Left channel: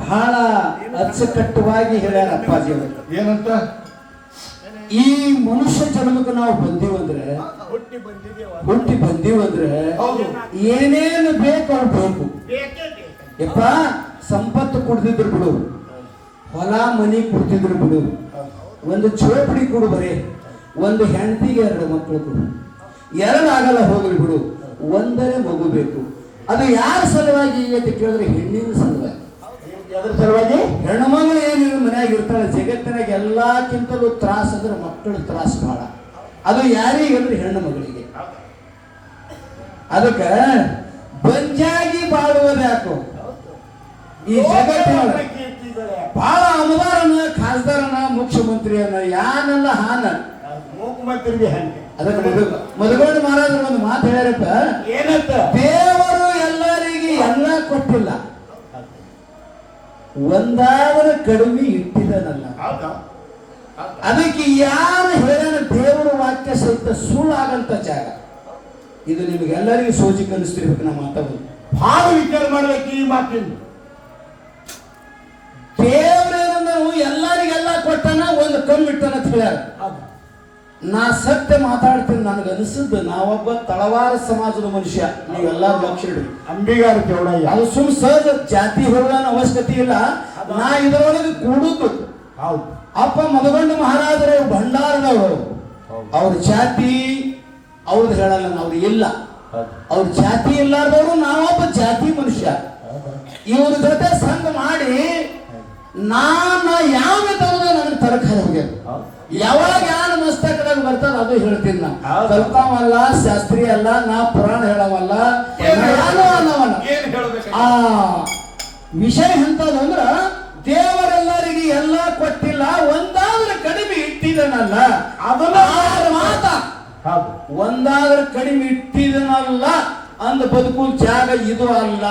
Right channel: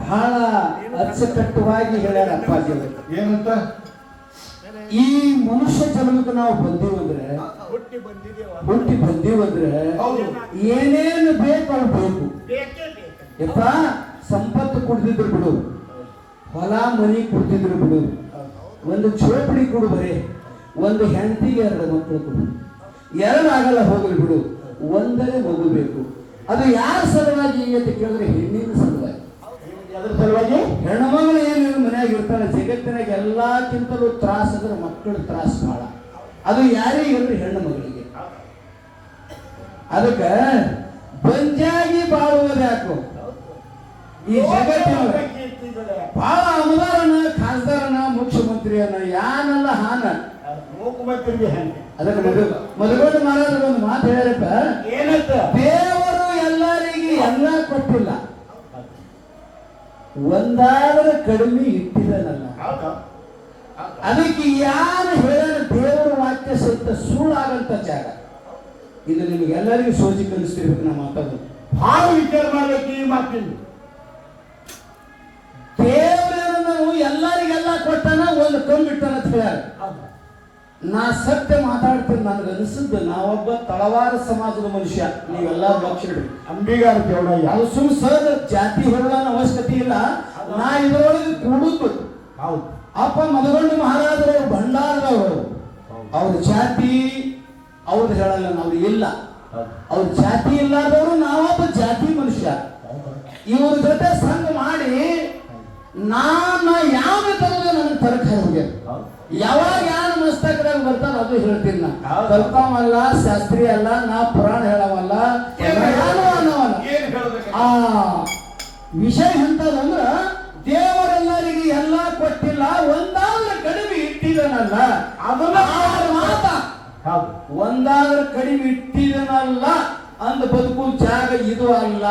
ಬಹಳ ಅಚ್ಚುಕಟ್ಟವಾಗಿ ಹೇಳ್ಯಾರ ಅಪ್ಪಾಜಿ ಏನಂತ ಈ ಮನುಷ್ಯ ಜನ್ಮಕ್ಕೆ ನಾವು ಬಂದೀವಂದ್ರೆ ಹುಟ್ಟಿ ಬಂದೀವಂದ್ರೆ ಏನೇನು ಬೇಕು ಅವ್ರು ಬೇಕು ಯಪ್ಪ ಸಂಪತ್ತು ಕೊಡ್ತಿದ್ರು ಬಿಡು ಹೊಲ ಮನಿ ಕೊಡ್ತಿದ್ರು ಬಿಡು ಒಂದು ಚೋಪಡಿ ಕೊಡು ಬರೀ ಒಂದು ಹೆಂಡತಿಗೆ 2 ಮಕ್ಕಳು ಕೊಡು 2 ಆಗಲ್ಲ ಹೋಗ್ಲಿ ಬಿಡು ಒಂದೇ ಮಗು ಬೇಕು ಅದು ಯಾರ ಸಲುವಾಗಿ ಅಂತ ಕೇಳಿದ್ರೆ ಹೆಣ್ಣಿನ ಸಲುವಾಗಿ ಅದರ ಸಲುವಾಗಿ ಹೆಣ್ಣು ಮಗಳು ಏನು ಮನೆಯಾಗ ಇರ್ತಾಳೆ ಜಗತ್ತಿನಾಗ ಎಲ್ಲಕ್ಕಿಂತಲೂ ತ್ರಾಸ ಅಂದ್ರೆ ಮಕ್ಕಳ ತ್ರಾಸ ಬಹಳ ಅದು ಯಾರಿಗಂದ್ರೆ ಹೆಣ್ಣು ಮಗಳಿಗೆ ಅದಕ್ಕೆ ಬಂಜಾಗಿ ಬಾಳುವುದು ಯಾಕೋ ಈ ಜಗತ್ತಿನ ಬಹಳ ಅಮದಾರನ ಖಾಸದಾರನ ಮುಖ್ಯಮಂತ್ರಿಯನ್ನ ಯಾನೆಲ್ಲ ಹಾನ ಮುಖ್ಯಮಂತ್ರಿಗೆ ಅದಕ್ಕೆ ಮಧುಗೊಂಡ ಮಹಾರಾಜರು ಒಂದು ಮಾತು ಹೇಳ್ಯಾರಪ್ಪ ಏನಂತ ದೇವರು ಎಲ್ಲರಿಗೆ ಎಲ್ಲ ಕೊಟ್ಟಿಲ್ಲ ಒಂದಾದರೂ ಕಡಿಮೆ ಇಟ್ಟಿದ್ದಾನಲ್ಲ ಅದಕ್ಕೆ ಯಾರು ಹೇಳನ ದೇವರ ವಾಕ್ಯ ಸಹಿತ ಸುಳ್ಳಾಗಂತ ಜಾಗ ಇದು ನಿಮಗೆಲ್ಲರಿಗೂ ಸೋಜಿಗೆ ಅನಿಸ್ತಿರ್ಬೇಕು ನಮ್ಮ ಮಾತಾಡೋದು ಭಾಳ ವಿಚಾರ ಮಾಡ್ಬೇಕು ಈ ಮಾತಿನ ದೇವರೇನು ಎಲ್ಲರಿಗೆಲ್ಲ ಕೊಟ್ಟನ ಒಂದು ಕಮ್ಮಿ ಇಟ್ಟನ ಅಂತ ಹೇಳ್ಯಾರ ನಾ ಸತ್ಯ ಮಾತಾಡ್ತೀನಿ ನನಗೆ ಅನಿಸಿದ್ದು ನಾವೊಬ್ಬ ತಳವಾರ ಸಮಾಜದ ಮನುಷ್ಯ ನೀವೆಲ್ಲ ಲಕ್ಷ ಇಡ್ರಿ ಅಂಬಿಗಾರ ಚೌಡಯ್ಯ ಅದು ಸುಮ್ ಸಹಜ ಜಾತಿ ಹೊರಡನ ಅವಶ್ಯಕತೆ ಇಲ್ಲ ನಾ ಇದರೊಳಗೆ ಕೂಡುದು ಹೌದು ಅಪ್ಪ ಮಧುಗೊಂಡ ಮಹಾರಾಜರ ಭಂಡಾರದವರು ಅವ್ರ ಜಾತಿ ಅವ್ರದ್ದು ಹೇಳಲ್ಲ ನಾವು ಇಲ್ಲ ಅವ್ರ ಜಾತಿ ಇಲ್ಲಾರ್ದವರು ನಾವೊಬ್ಬ ಜಾತಿ ಮನುಷ್ಯ ಇವ್ರ ಜೊತೆ ಸಂಘ ಮಾಡಿ ನಾನು ಯಾವ ತರದು ನನ್ನ ತರಕಾರಿ ಹೋಗ್ಯ ಯಾವಾಗ ಯಾರ ಮಸ್ತಕದಾಗ ಬರ್ತದ ಅದು ಹೇಳ್ತೀನಿ ನಾ ಕಲ್ತಾಮಲ್ಲ ಶಾಸ್ತ್ರಿ ಅಲ್ಲ ನಾ ಪುರಾಣ ಹೇಳವಲ್ಲ ಆ ವಿಷಯ ಎಂತದ್ದು ಅಂದ್ರ ದೇವರೆಲ್ಲರಿಗೆ ಎಲ್ಲ ಕೊಟ್ಟಿಲ್ಲ ಒಂದಾದ್ರೂ ಕಡಿಮೆ ಇಟ್ಟಿದನಲ್ಲ ಅದನ್ನ ಮಾತ ಒಂದಾದ್ರೂ ಕಡಿಮೆ ಇಟ್ಟಿದನಲ್ಲ ಅಂದ ಬದುಕು ಜಾಗ ಇದು ಅಲ್ಲ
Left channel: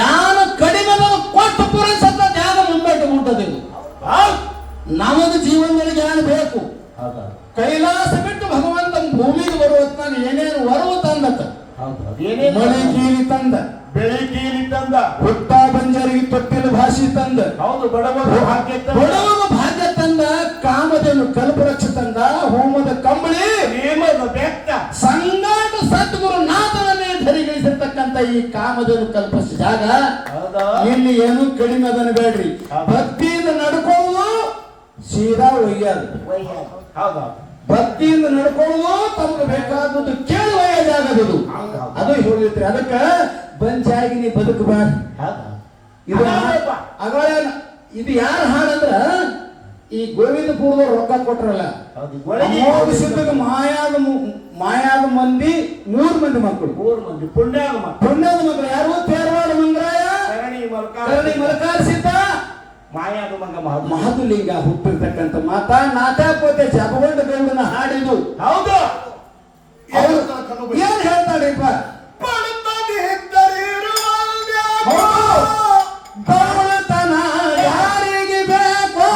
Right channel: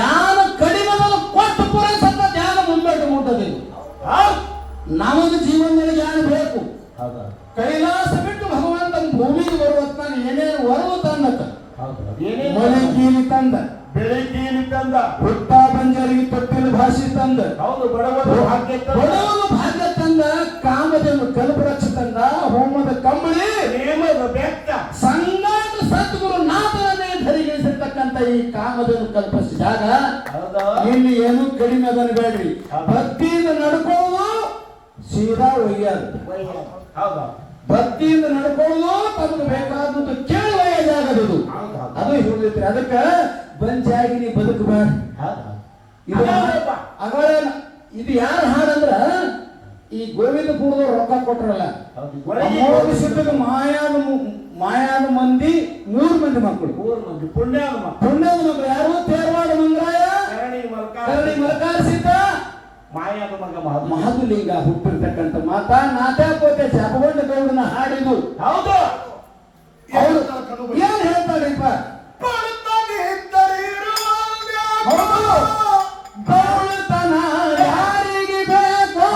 ಯಾರು ಕಡಿಮೆ ಕೊಟ್ಟು ಪುರಸತ್ತ ಧ್ಯಾನ ಮುಂಬೈಗೆ ಮುಟ್ಟದು ಇದು ನಮಗ ಜೀವನದಲ್ಲಿ ಜ್ಞಾನ ಬೇಕು ಕೈಲಾಸ ಬಿಟ್ಟು ಭಗವಂತ ಭೂಮಿಗೆ ಬರುವತ್ ನಾನು ಏನೇನು ಬರುವ ತಂದತ ಮಳೆ ಕೀಲಿ ತಂದ ಬೆಳೆ ಕೀಲಿ ತಂದ ಹುಟ್ಟ ಬಂಜರಿಗೆ ತೊಟ್ಟಿಲು ಭಾಷೆ ತಂದ ಹೌದು ಬಡವರು ಭಾಗ್ಯ ಬಡವರು ಭಾಗ್ಯ ತಂದ ಕಲ್ಪವೃಕ್ಷ ತಂದ ಹೋಮದ ಕಂಬಳಿ ನೇಮದ ಬೆತ್ತ ಸಂಗಾಟ ಸದ್ಗುರು ನಾಥನನ್ನೇ ಧರಿಗಳಿಸಿರ್ತಕ್ಕಂಥ ಈ ಕಾಮಧೇನು ಕಲ್ಪಿಸಿದ ಜಾಗ ಹೌದಾ ಇಲ್ಲಿ ಏನು ಕಡಿಮೆ ಅದನ್ನು ಬೇಡ್ರಿ. ಭಕ್ತಿಯಿಂದ ನಡ್ಕೊಳ್ಳೋದು ಸೀದಾ ಒಯ್ಯೋದು, ಹೌದಾ ಭಕ್ತಿಯಿಂದ ನಡ್ಕೊಳ್ಳೋದು ತಮಗೆ ಬೇಕಾದದ್ದು ಕೇಳಿ ಒಯ್ಯೋ ಜಾಗ ಅದು. ಅದು ಹೇಳಿದ್ರಿ ಅದಕ್ಕೆ ಬಂಚಾಗಿ ನೀ ಬದುಕಬೇಡ. ಇದು ಇದು ಯಾರ ಹಾಡಂದ್ರ ಈ ಗೋವಿಂದಪುರದವ್ರು ರೊಕ್ಕ ಕೊಟ್ರಲ್ಲ, ಸಿದ್ಧಗ ಮಾಯಾದ ಮಂದಿ 3 ಮಂದಿ ಮಕ್ಕಳು, ಪುಣ್ಯದ ಮಕ್ಕಳು ಯಾರು? ತೇರವಾಡ ಮಂಗರಾಯ, ಕರಡಿ ಮಲಕಾರ ಸಿದ್ಧ, ಮಾಯಾದ ಮಗ ಮಹದುಲಿಂಗ ಹುಟ್ಟಿರ್ತಕ್ಕಂಥ ಮಾತಾ ನಾಥಕೋತೆ ಜಗವಂಡ ಗೌಡನ ಹಾಡಿದು. ಹೌದು ಏನ್ ಹೇಳ್ತಾರಿಪ್ಪ? ಬಡತನ ಯಾರಿಗೆ ಬೇಕು?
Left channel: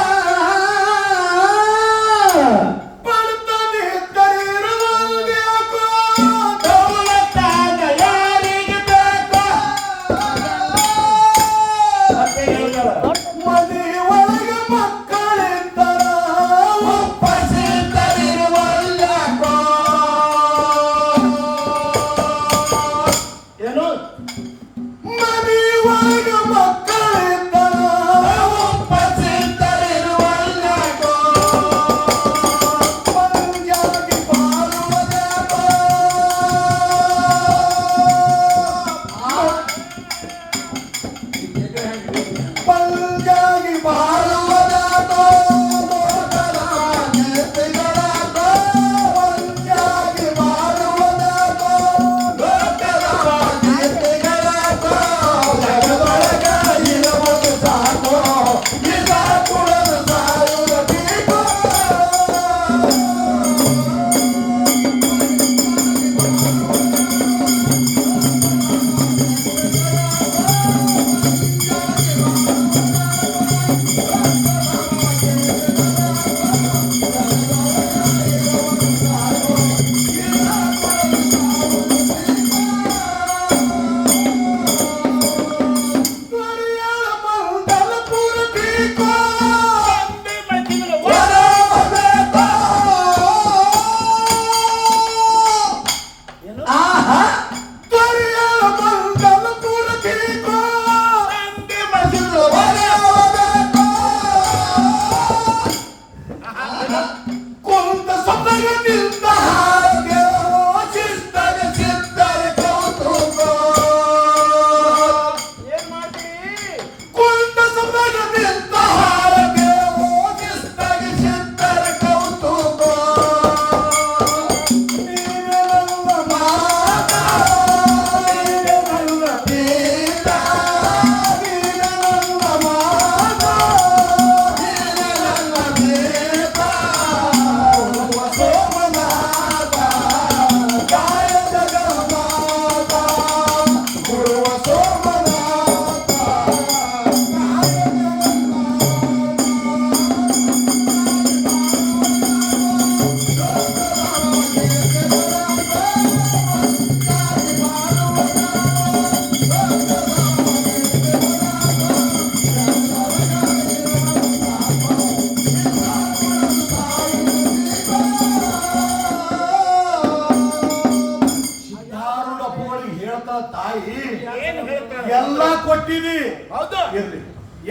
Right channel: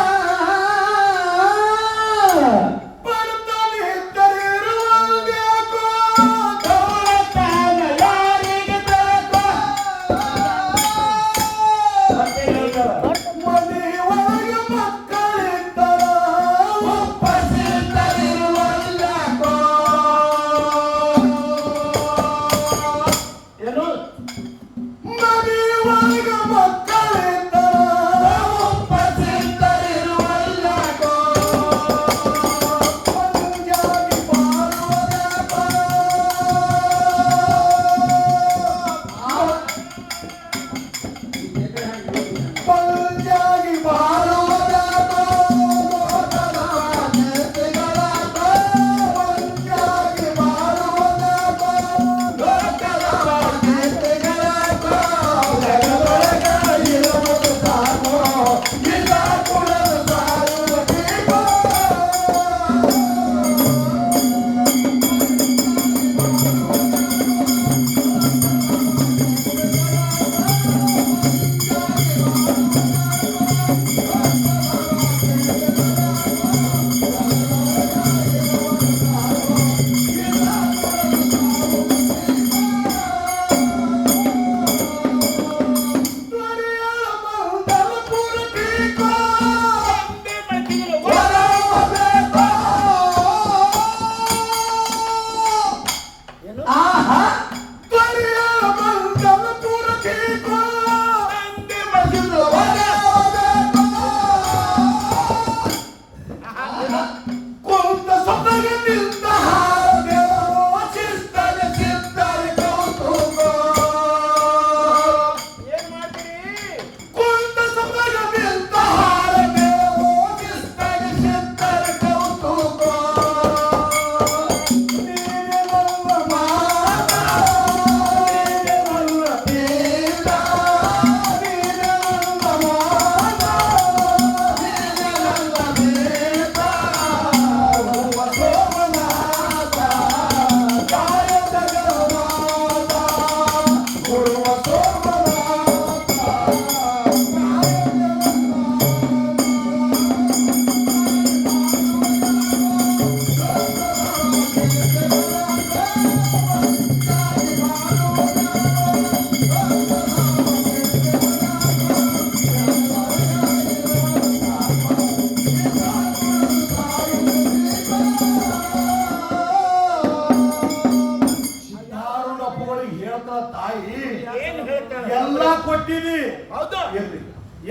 ಕೊಟ್ಟಿವಿ. ಹೌದು ಇರ್ಲಿ,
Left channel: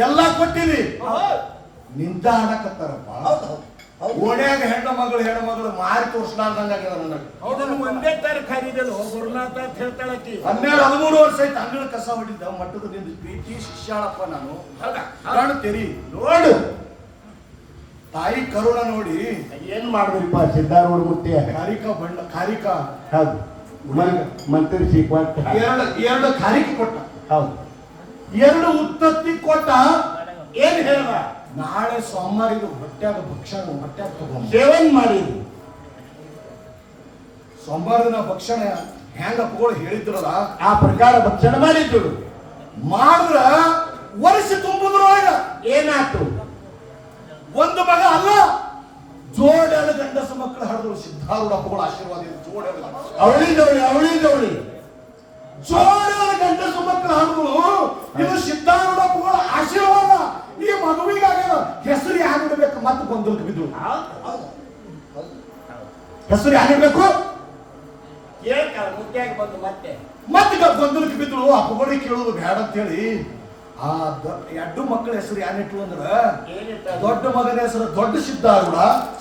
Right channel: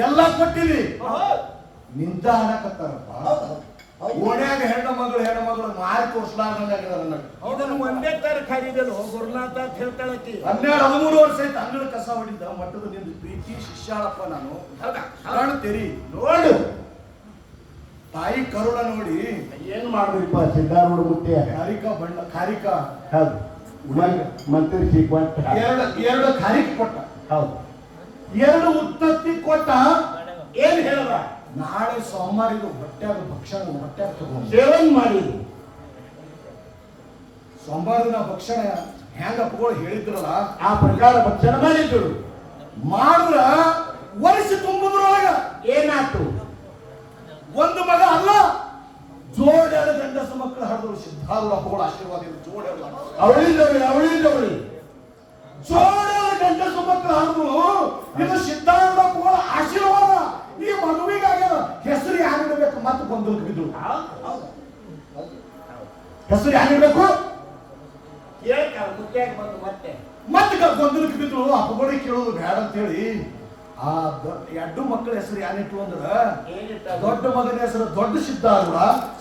ಎಲ್ಲ ಕೊಟ್ಟಿವಿ. ನಿಂತ ಆಡಕತ್ತಾರಪ್ಪ. ಓಣ್ಯಾಗ ಹೆಣ್ಣು ಮಗಳು ಮಾರಿ ತೋರ್ಸ್ಲಾರ್ದಂಗ ನನಗೆ. ಹೌದನ್ನು ಒಂದೇ ತರ ಖರೀದಲು ಗುರುನಾಥ ಅಂತ ಹೇಳ್ತಾಳಕಿ. 12-13 ವರ್ಷ ಐತೆ ಅಂಗಳ ಕಸ ಹೊಡಿದ್ದ ಮಟ್ಟದ ನಿಂದು ಪ್ರೀತಿ ಶಿಷ್ಯಾಳಪ್ಪ ನಾನು. ಕಣ್ಣು ತೆರಿ ನೋಡು ತಾಯಿ ಕರುಣ ನೋಡಿ. ಏನ್ ಮಾಡ್ಬೇಕಪ್ಪ ಸಿದ್ಧಾರೂಢ ಮುತ್ತಿ ಖಾರಿಕ ಹೌದು ಮಂತ್ರಿಸಿ ಕೊಟ್ಟ ಎರಡು ಖಾರಿಕೆ ಕೊಟ್ಟ. ಹೌದು 2 ಉತ್ತತ್ತಿ ಕೊಟ್ಟ. ಏನ್ ಹೇಳ್ದ? ನಾಳೆ ಸೋಮವಾರ ಇದು ಹೊಟ್ಟ್ಯಾಗ ಭಕ್ಷಣ ಹೊಟ್ಟ್ಯಾಗ ತಗೊಂಡು ಸೇವನ್ ಮಾಡಿದ್ರು. ಸೋಮವಾರ ದಿನ ಭಕ್ಷಣ ಹೆಂಗ ಅಪ್ಪಗಳು ಹೇಳಿದ್ರಲ್ಲ ಆ ಪ್ರಕಾರ ಭಕ್ಷಣ ಮಾಡಿದ್ರು. ಮಾಡಿದ್ರ ವರ್ಷ ತುಂಬುದ್ರೊಳಗ ಏನಾಯ್ತು? ಒಂದು ಮಗ ಅಲ್ಲ, ಜೋಡೆರಡು ಗಂಡಸ ಮಕ್ಕಳು ಹರಿದ್ರು. ಸಿದ್ಧಾರೂಢ ಅಪ್ಪಗಳ ಆಶೀರ್ವಾದ ಜೋಡೆರಡು ಅವಳಿಂದವಳಿ ಜೋಡೆರಡು ಗಂಡಸ ಮಕ್ಕಳು ಹರಿದ್ರು. ಇದು ಸಿದ್ಧಾರೂಢ ಅಪ್ಪಗಳ ಆಶೀರ್ವಾದ. ಈ ಮಗುವಿಗಾಗ್ಯದ ಹೆಸರು ಯಾರಿಡಬೇಕು ಮತ್ತೆ ಗೊಂದಲಕ್ಕೆ ಬಿದ್ದು ಹೌದು. ಹೆಸರು ಯಾರಿಡಬೇಕು ಕೇಳ್ತಾಳ ಮುದ್ದ್ಯಾಗ ಬಂದು ಮತ್ತೆ ಮತ್ತೆ ಗೊಂದಲಕ್ಕೆ ಬಿದ್ರು ಅಪ್ಪಗಡೆ ಕೇಳುದು ಬೇಡ ಅಂತ ಹೇಳಿ ಆ ಎರಡು ಮಕ್ಕಳ ಹೆಸರು ಯಾರಿಟ್ರು ಅಂದ್ರ ಏನಿಟ್ಟ ದೊಡ್ಡ ಮಗನ ಹೆಸರು ದೊಡ್ಡ ಸಿದ್ಧಾರೂಢ,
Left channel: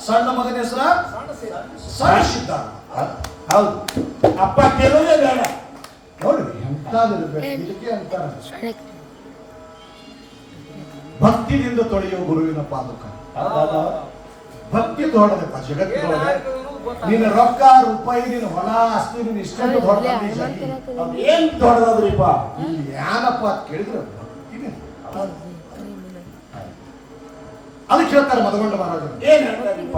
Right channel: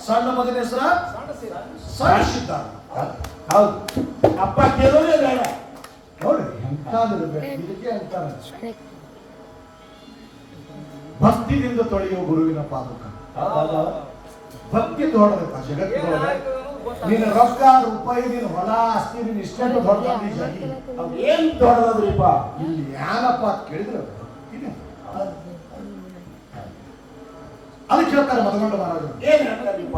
ಸಣ್ಣ ಮಗನ ಹೆಸರ ಸಣ್ಣ ಸಿದ್ಧಾರೂಢ. ಹೌದು, ಅಪ್ಪ ಕೇಳುವುದೇ ಬೇಡ. ನೋಡಿ ಎಂತಾದಿರ್ಬೇಕು ಇದಕ್ಕೆ ಅಂತಾರ ಭಕ್ತಿಯಿಂದ ತೊಳೆಯುವ ಗುರುವಿನ ಪಾದುಕ. ಭಕ್ತಿ ತೋಡಬೇಕು ಜಗತ್ತಿನೊಳಗೆ. ನಿನ್ನ ರೊಕ್ಕ ರೂಪಾಯಿ, ನಿನ್ನ ಹೊಲ ಆಸ್ತಿ, ನಿನ್ನ ಇಷ್ಟೊಂದು ದೊಡ್ಡ ಜಾಗಿ ಏನ್ ದೊಡ್ಡದ್ರಿಪ್ಪ? ಇಲ್ಲಿ ಏನಪ್ಪ ಅಂತ ಕೇಳಿದ್ರೆ ಇದೆ. ಅದಕ್ಕೆ ಹೇಳ್ತಾರೆ ಮದಗೊಂಡ ಮಹಾರಾಜರು, ಏನ್ ಹೇಳ್ತಾರಿಪ್ಪ?